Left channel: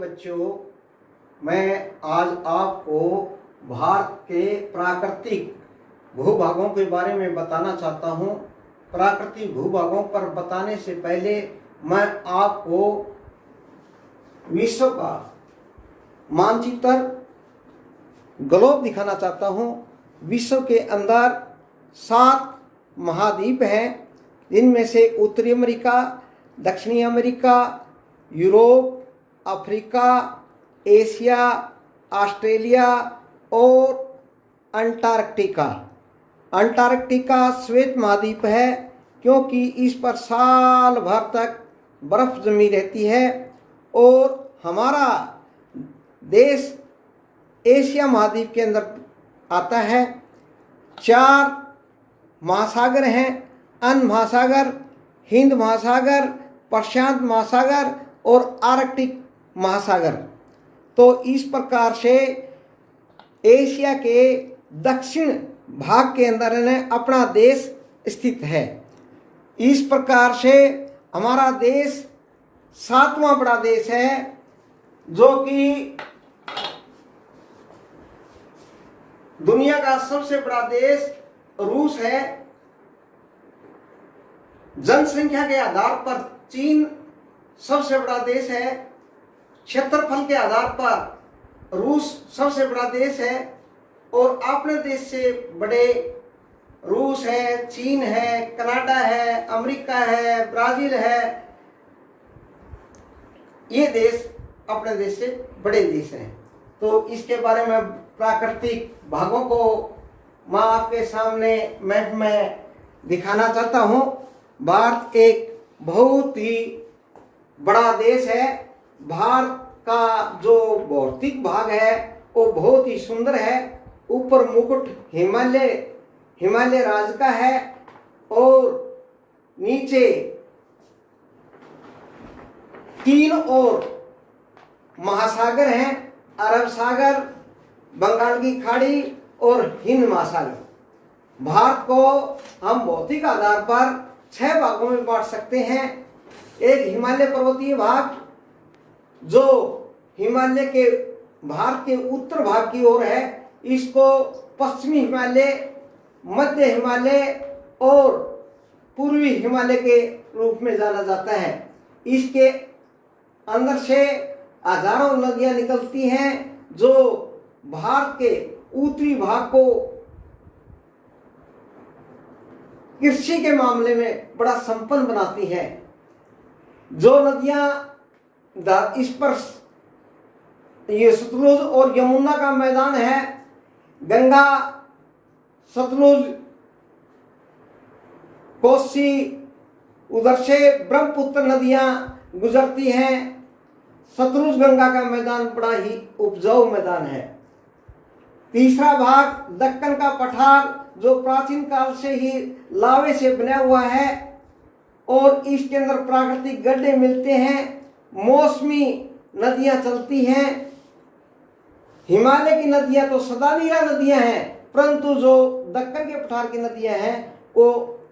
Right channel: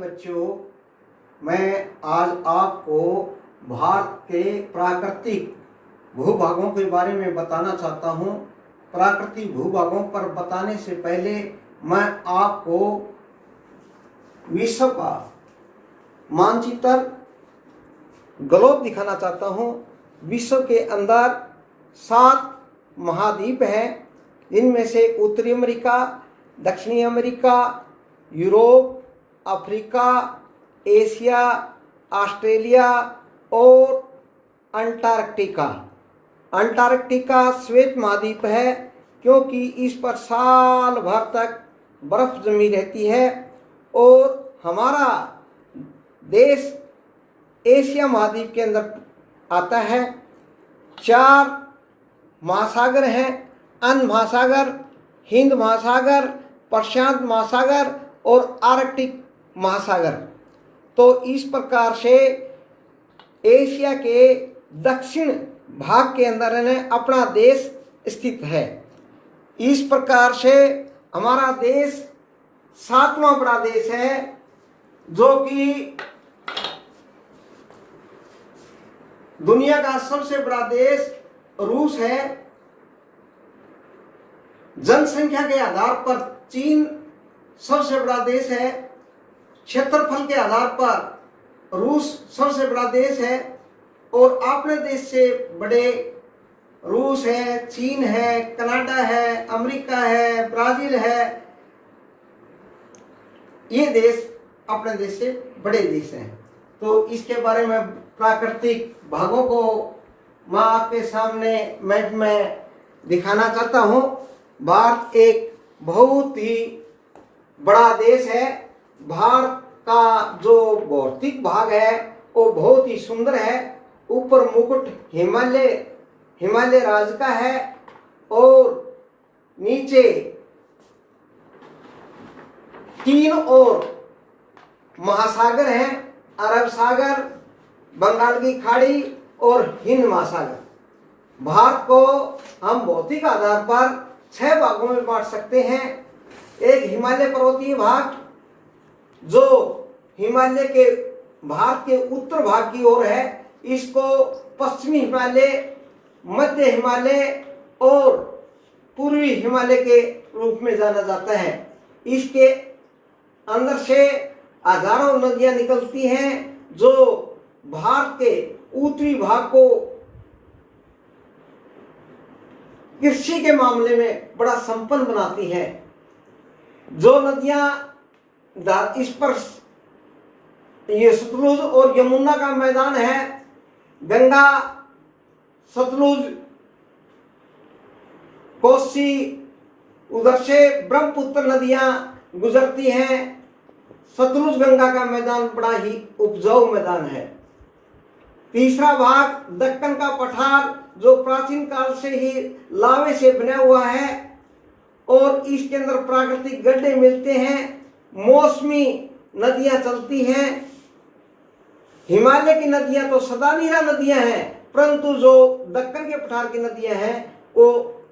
बच्चों, मैं आज आपको भारत के प्राकृतिक भूभागों के बारे में बताना चाहता हूँ। प्राकृतिक भूभागों पर बताने से पहले मैं आपको विश्व का मानचित्र ग्लोब दिखाना चाहता हूँ। विश्व के अंदर 7 महाद्वीप हैं। इनमें से उत्तरी अमेरिका, दक्षिणी America, Europe, Africa, Asia, Australia और अंटार्कटिका। अंटार्कटिका श्वेत महाद्वीप है क्योंकि इस पर साल भर तक बर्फ जमी रहती है। और हमारा देश एशिया महाद्वीप के अंदर आता है। 4 महासागर हैं, अन्य महासागर, हिंद महासागर, प्रशांत महासागर और आर्कटिक महासागर। तो इस प्रकार से एशिया के दक्षिण भाग के अंदर अपना देश स्थित है। इस प्रकार से हमारा देश 7वां बड़ा देश है, जो कि दुनिया का सबसे बड़ा देश रूस है। जनसंख्या के आधार पर चीन सबसे बड़ा देश है। क्षेत्रफल के आधार पर रूस सबसे बड़ा देश है। और अपने देश से बड़े रूस है, चीन है, कनाडा है, अमेरिका है, ब्राजील है। ये देश अपने देश से बड़े देश हैं। तो इसके बारे में प्राकृतिक भागों को मैं आपके सामने मैप में दिखाना चाहता हूँ। भारत एक बहुत ही बड़ा देश है। भारत का जो भौतिक भाग है वो बहुत ही सुंदर है। ऊपर मुकुट हिमालय राज्य का है और नीचे 3 और महासागर हैं, अरब सागर, बंगाल की खाड़ी और हिंद महासागर। भारत को हम भौतिक आधार पर 6 भागों में बांट सकते हैं। एक हिमालय पर्वतीय भाग, जो हिमालय के भारत के उत्तर भाग की ओर है। इसको पश्चिमी हिमालय, मध्य हिमालय और पूर्वी हिमालय के रूप में जाना जाता है। इसके अंदर से हजारों नदियां निकलती हैं, जो भारत के उत्तरी भाग को कृषि के मामले में बड़ा संपन्न बनाती है। जो नदियां इस पर ये सतलुज और यमुना का मैदान है। गंगा, सतलुज, कोसी, उधर से ब्रह्मपुत्र नदियां गुजरती हैं। सतलुज गंगा का मैदान बड़ा ही उपजाऊ मैदान है। तीसरा भाग दक्कन का पठार, जो प्राचीन काल से ही लावे से बना हुआ है और इसके अंदर प्राकृतिक गड्ढे मिलते हैं। मौसमी नदियां चलती हैं। हिमालय की नदियां तो सदानीरा नदियां हैं, परंतु जो दक्कन के पठार की नदियां हैं वो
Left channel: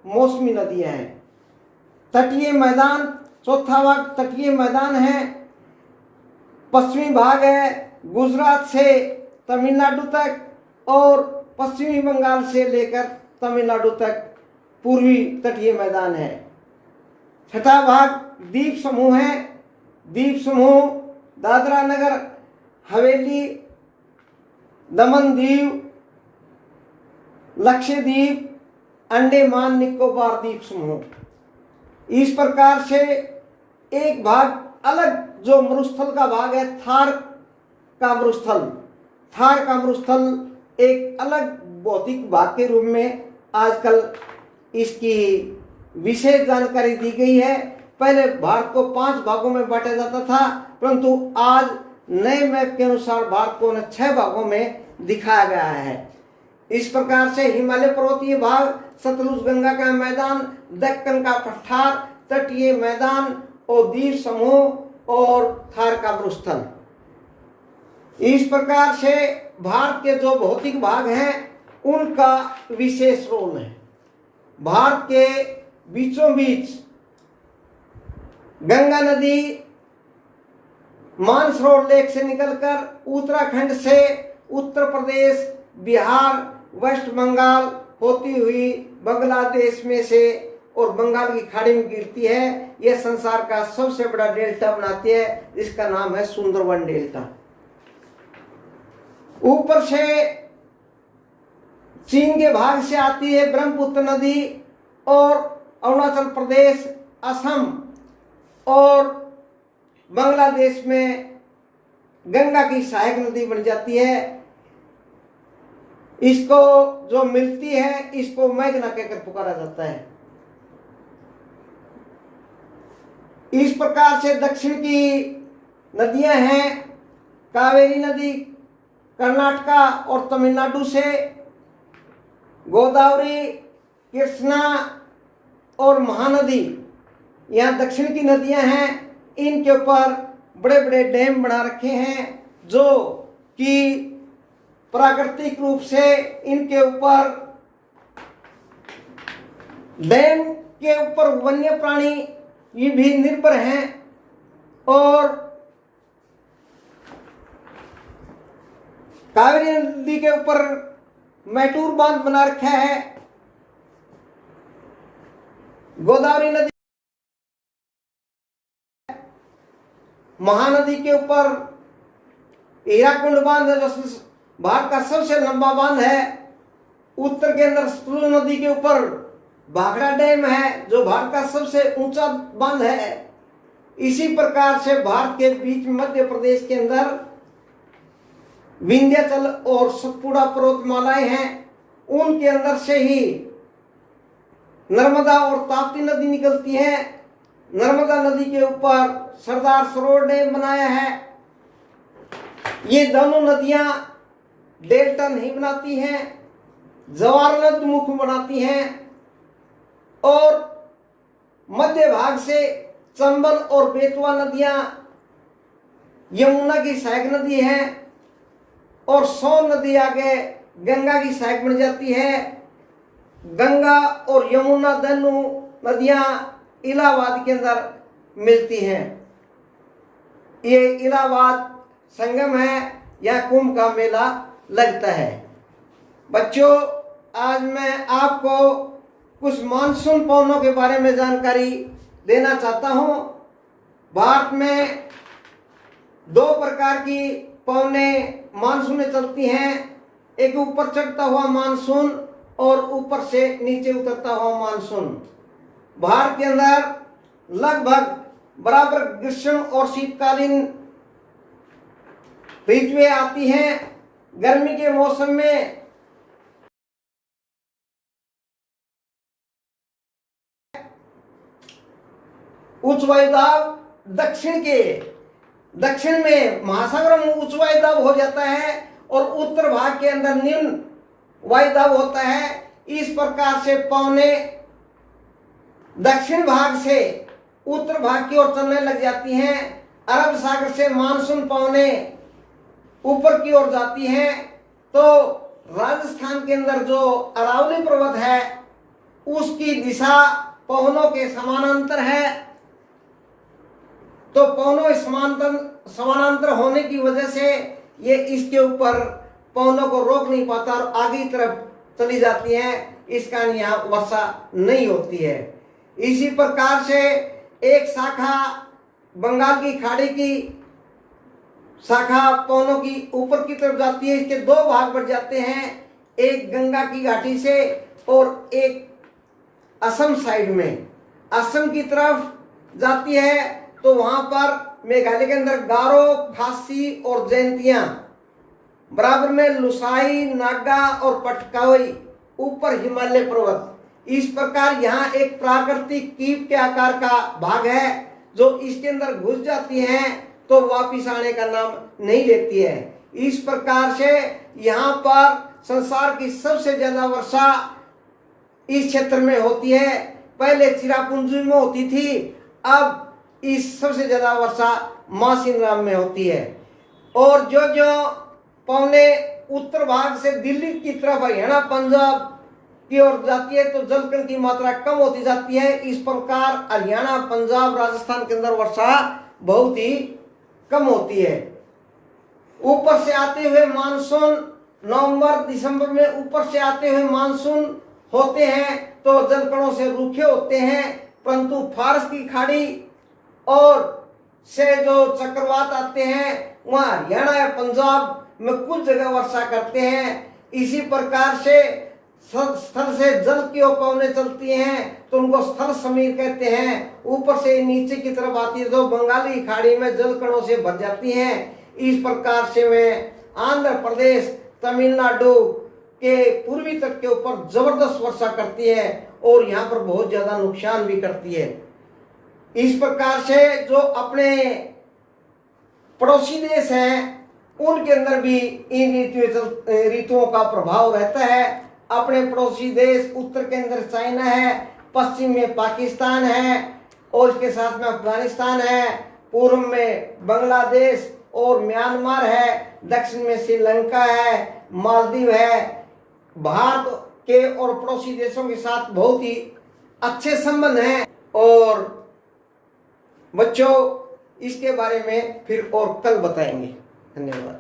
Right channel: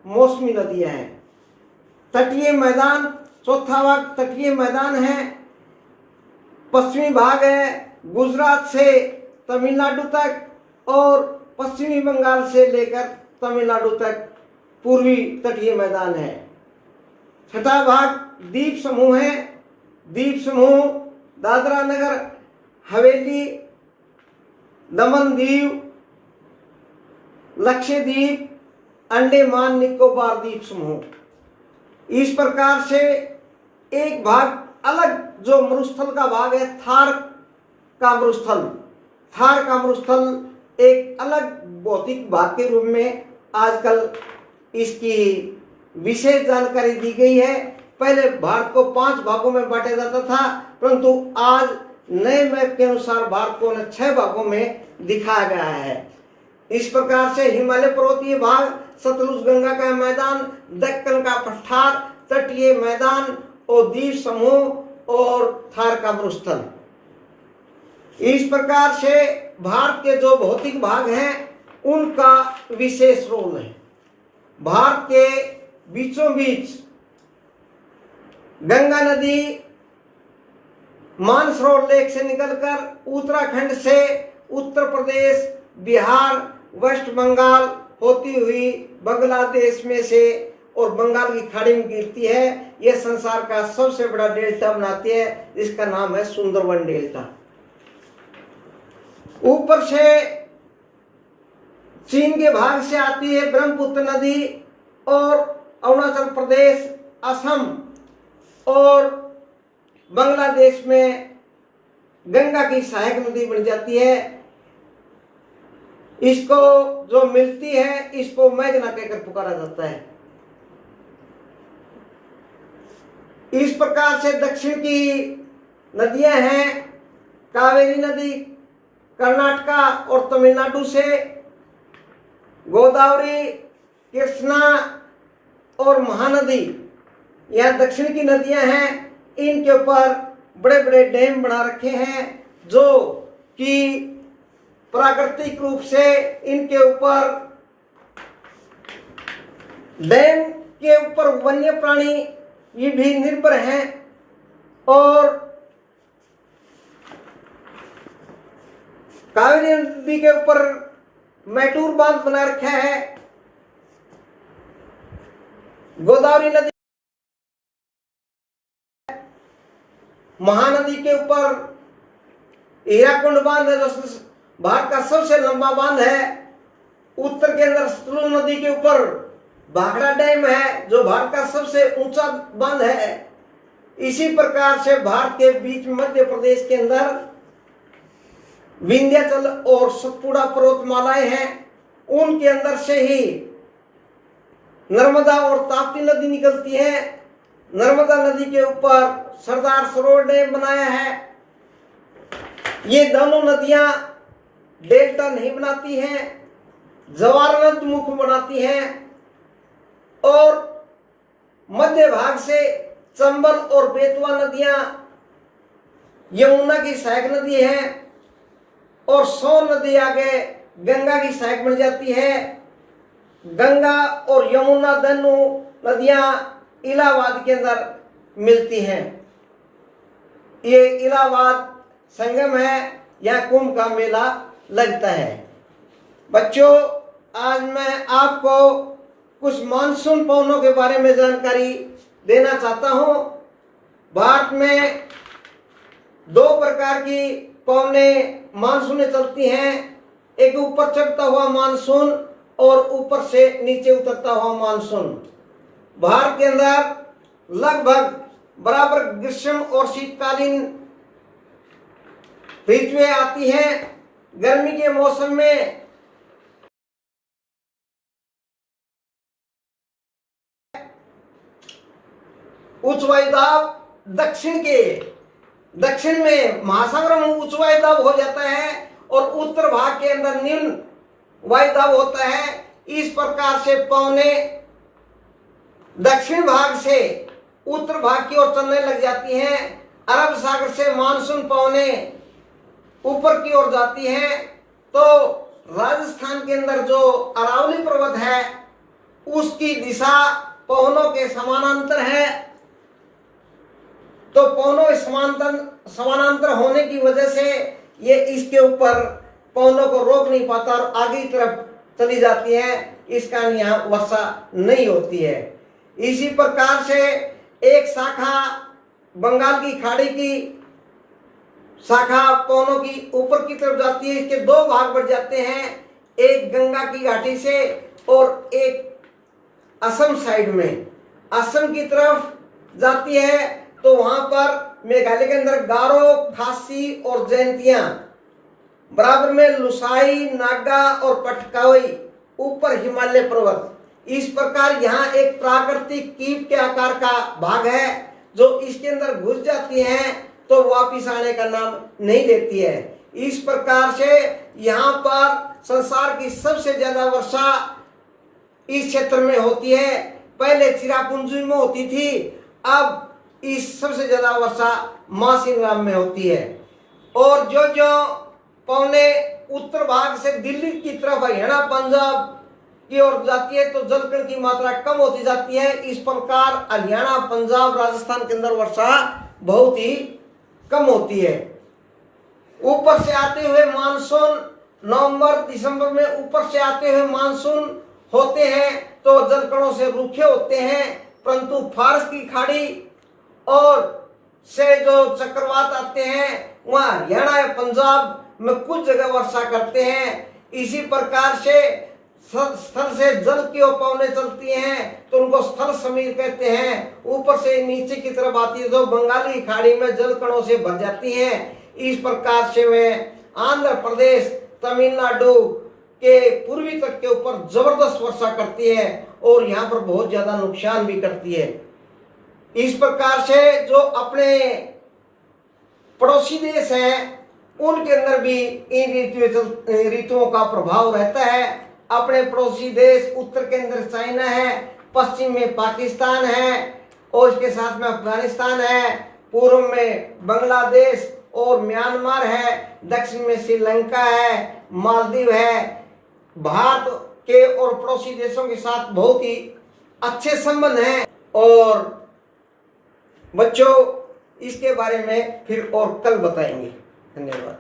मौसमी नदियां हैं। तटीय मैदान, चौथा भाग तटीय मैदान है। पश्चिमी भाग है गुजरात से तमिलनाडु तक और पश्चिमी बंगाल से लेकर तमिलनाडु तक पूर्वी तटीय मैदान है। छठा भाग द्वीप समूह है। द्वीप समूह दादरा नगर हवेली, दमन दीव, लक्षद्वीप, अंडमान निकोबार द्वीप समूह। इस प्रकार से एक भाग अलग, जो मरुस्थल का भाग है, थार का मरुस्थल। थार का मरुस्थल एक अलग भौतिक भाग के रूप में आजकल इसकी विशेष जानकारी दी गई है। पहले भारत को 5 भागों में बांटा जाता था, परंतु आज नए मैप के अनुसार भारत को 6 भागों में दिखाया गया है। इस प्रकार से हिमालय पर्वतीय भाग, सतलुज गंगा का मैदान, दक्कन का पठार, तटीय मैदान और द्वीप समूह और थार का मरुस्थल। इस प्रकार से भारत के जो भौतिक भाग हैं उनका विशेष रोल है। भारत के बीचों बीच गंगा नदी मानसरोवर लेक से निकलकर उत्तराखंड से उत्तर प्रदेश, बिहार, वेस्ट बंगाल होती हुई बांग्लादेश में से और बंगाल की खाड़ी में गिरती है। यह संसार का सबसे बड़ा डेल्टा बनाती है, इसका नाम है सुंदरवन डेल्टा। ऊपर से चीन के भाग से आती है ब्रह्मपुत्र नदी और अरुणाचल प्रदेश, असम और बांग्लादेश में गंगा की सहायक नदी बन जाती है। इसको जो मिलती है इसको मेघना कहकर पुकारा जाता है। इस प्रकार से दक्षिण की नदियां हैं कावेरी नदी कर्नाटका और तमिलनाडु से, गोदावरी, कृष्णा और महानदी यह दक्षिण की नदियां हैं। इनके ऊपर बड़े बड़े डैम बना रखे हैं जो कि प्राकृतिक रूप से इनके ऊपर डैम के ऊपर वन्य प्राणी ये भी निर्भर हैं और कावेरी नदी के ऊपर मैटूर बांध बना रखा है। गोदावरी नदी, महानदी के ऊपर हीराकुंड बांध है जो भारत का सबसे लंबा बांध है। उत्तर के अंदर सतलुज नदी के ऊपर भाखड़ा डैम है जो भारत का सबसे ऊंचा बांध है। इसी प्रकार से भारत के बीच मध्य प्रदेश के अंदर विंध्याचल और सतपुड़ा पर्वतमालाएं हैं, उनके अंदर से ही नर्मदा और ताप्ती नदी निकलती है। नर्मदा नदी के ऊपर सरदार सरोवर डैम बनाया है। ये दोनों नदियां डेल्टा नहीं बनाती हैं, जवारनदमुख बनाती हैं और मध्य भाग से चंबल और बेतवा नदियां यमुना की सहायक नदी है और सोन नदी आगे गंगा की सहायक बन जाती है। गंगा और यमुना दोनों नदियां इलाहाबाद के अंदर मिलती हैं। ये इलाहाबाद संगम है, यहाँ कुंभ का मेला लगता है। बच्चों, आज मैं आपको कुछ मानसून पवनों के बारे में जानकारी देना चाहता हूँ। भारत में दो प्रकार की पवनें मानसूनें चलती हैं, एक ऊपर चढ़ता हुआ मानसून और ऊपर से नीचे उतरता हुआ मानसून। भारत के अंदर लगभग बराबर ग्रीष्म और शीतकालीन ऋतुएं आती हैं। गर्मी के मौसम में उच्च वायुदाब दक्षिण में महासागर में उच्च वायुदाब हो जाता है और उत्तर भाग के अंदर निम्न वायुदाब होता है। इस प्रकार से पवने दक्षिण भाग से उत्तर भाग की ओर चलने लग जाती हैं। अरब सागर से मानसून पवने ऊपर की ओर जाती हैं तो राजस्थान के अंदर जो अरावली पर्वत है उसकी दिशा पवनों के समानांतर है। तो पवनों के समानांतर होने की वजह से ये इसके ऊपर पवनों को रोक नहीं पाता और आगे की तरफ चली जाती हैं। इस कारण यहाँ वर्षा नहीं होती है। इसी प्रकार से एक शाखा बंगाल की खाड़ी की शाखा पवनों की ऊपर की तरफ जाती है। इसके दो भाग बढ़ जाते हैं, एक गंगा की घाटी से और एक असम साइड में। असम की तरफ जाती है तो वहां पर मेघालय के अंदर गारो, खासी और जयंतियां, बराबर में लुसाई, नागा और पटकाई, ऊपर हिमालय पर्वत। इस प्रकार यहाँ एक प्राकृतिक कीप के आकार का भाग है जो इसके अंदर घुस जाती हैं तो वापिस आने का नाम नहीं लेती है। इस प्रकार से यहाँ पर संसार की सबसे ज्यादा वर्षा इस क्षेत्र में होती है। पहले चिरापुंजी में होती थी, अब इस सबसे ज्यादा वर्षा मासिनराम में होती है। और जो जो पवने उत्तर भाग से दिल्ली की तरफ हरियाणा, पंजाब की ओर जाती है तो जलकण की मात्रा कम होती जाती है। इस प्रकार हरियाणा, पंजाब, राजस्थान के अंदर वर्षा बहुत ही कम होती है। ऊपर से आते हुए मानसून नवंबर दिसंबर में ऊपर से आते हुए मानसून होते हैं तो जलकणों से रूखे होते हैं, परंतु फारस की खाड़ी और से जो चक्रवात आते हैं वहाँ हरियाणा या पंजाब में कुछ जगह वर्षा करते हैं। इसी प्रकार से स्थल से जल की पवनें चलती हैं तो उनको स्थल समीर कहते हैं। ऊपर से नीचे की तरफ आती है तो बंगाली खाड़ी में जल कणों से भर जाती हैं। इस प्रकार से वे आंध्र प्रदेश तमिलनाडु के पूर्वी तट के ऊपर जबरदस्त वर्षा करती है और यहाँ पर बहुत ज्यादा नुकसान भी करती है। इस प्रकार से जो अपने पड़ोसी देश हैं उनके अंदर भी इन ऋतुओं का प्रभाव रहता है। अपने पड़ोसी देश उत्तर के अंदर चाइना है, पश्चिम में पाकिस्तान है और इसके साथ में अफगानिस्तान है, पूर्व में बांग्लादेश और म्यांमार है, दक्षिण में श्रीलंका है, मालदीव है। भारत के और पड़ोसी देशों के साथ बहुत ही अच्छे संबंध हैं और बच्चों इसके बारे में फिर और कल बताएंगे। धन्यवाद।